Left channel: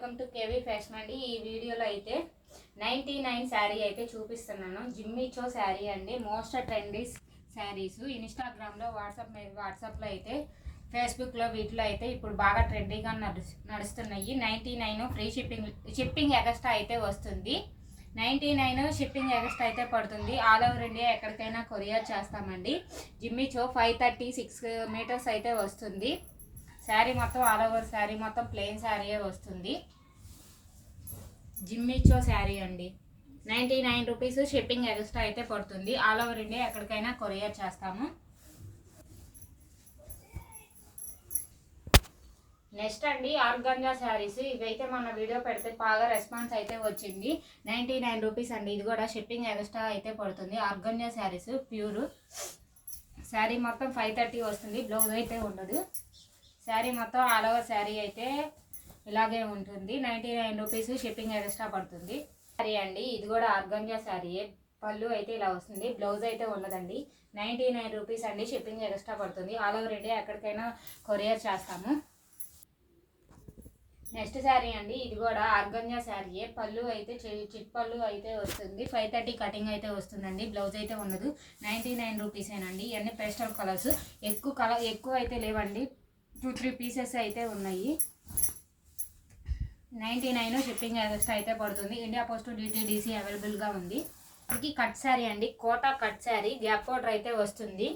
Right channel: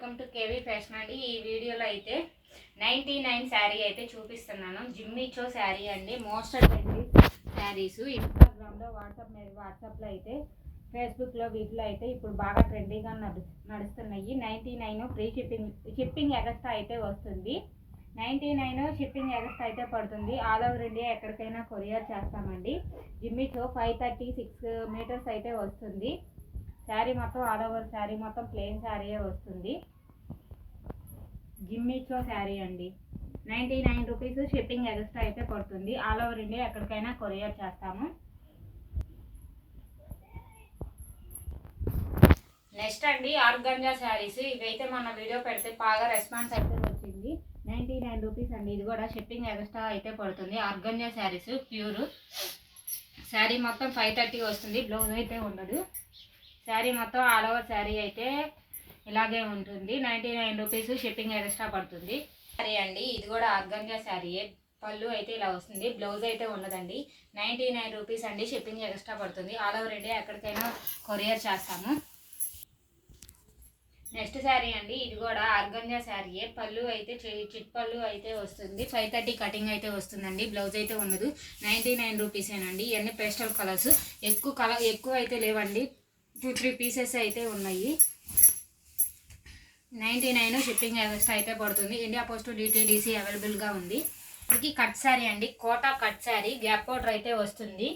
Welcome to KV fashion అండి. ఈ వీడియోలో అయితే 99 శారీ అయితే చూపిస్తున్నాను. జిమ్మిచో శారీ అండి. మోస్ట్ ట్రెండీ శారీస్ ఇన్స్టాగ్రామ్లో వాట్సాప్లో అయితే ఫేస్బుక్లో వీటిలో అయితే ఇప్పుడు బాగా ట్రెండీగా నడుస్తున్నాయి. 99 ఫ్రీ షిప్పింగ్ ఎక్స్ట్రా అయితే వస్తుంది. 99 షిప్పింగ్ ఎక్స్ట్రా అయితే పడుతుంది. ఆల్ ఓవర్ ఇండియా ఎక్కడికైనా కొరియర్ చేస్తామండి. జిమ్మిచో 536 మీటర్స్ అయితే వస్తుంది. శారీ మొత్తం ఆల్ ఓవర్ శారీ మొత్తం ప్లెయిన్ శారీయే వస్తుంది. జిమ్మిచో శారీ అండి. 99 రూపీస్ షిప్పింగ్ ఎక్స్ట్రా అయితే పడుతుంది. ఆల్ ఓవర్ ఇండియా ఎక్కడికైనా కొరియర్ చేస్తాము. నెక్స్ట్ అండి ఆర్గంజా శారీస్. ఇవైతే మన వీడియో పెడితే బాగా రెస్పాన్స్ అయితే వచ్చింది. 99 రూపీస్ అండి. ఇది కూడా షిప్పింగ్ ఎక్స్ట్రా అయితే పడుతుంది. ఆర్గంజా శారీస్ ప్యూర్ శారీ మొత్తం 530 వస్తుంది. బ్లౌజ్ అయితే ఉండదు. శారీ మొత్తం ఆల్ ఓవర్ శారీ అయితే ఇలాగే ఉంటుంది. 99 రూపీస్ షిప్పింగ్ ఎక్స్ట్రా పడుతుంది. శారీ అండి. ఇది కూడా ఆర్గంజా శారీయే. పళ్ళు అయితే ఇలా వస్తుంది. బ్లౌజ్ అయితే ఉండదండి. 99 రూపీస్ అండి. షిప్పింగ్ ఎక్స్ట్రా పడుతుంది. ఆల్ ఓవర్ ఇండియా ఎక్కడికైనా కొరియర్ చేస్తాము. నెక్స్ట్ శారీ అండి. ఇది కూడా ఆర్గంజా శారీయే. పళ్ళు అయితే చిట్ పళ్ళు అయితే వస్తుంది. 530 కటింగ్ అయితే వస్తుందండి. బ్లౌజ్ అయితే ఉండదు. 99 రూపీసేనండి. ఇవన్నీ పేస్టల్ కలర్స్. ఎక్కువ అయితే లేవండి. 2-3 పీసెస్ అయితే ఉన్నాయి. 99 షిప్పింగ్ ఎక్స్ట్రా అయితే పడుతుంది. ఇండియా పోస్ట్ డిటీడీసీ అవైలబుల్గా ఉంది. ఇది కట్ శారీ అండి. Kota cut sari. Gap border అయితే వస్తుంది.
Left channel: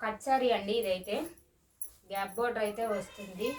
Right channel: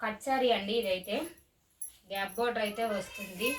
కట్ శారీ అండి. ఇదైతే గ్యాప్ బోర్డర్ అయితే వస్తుంది.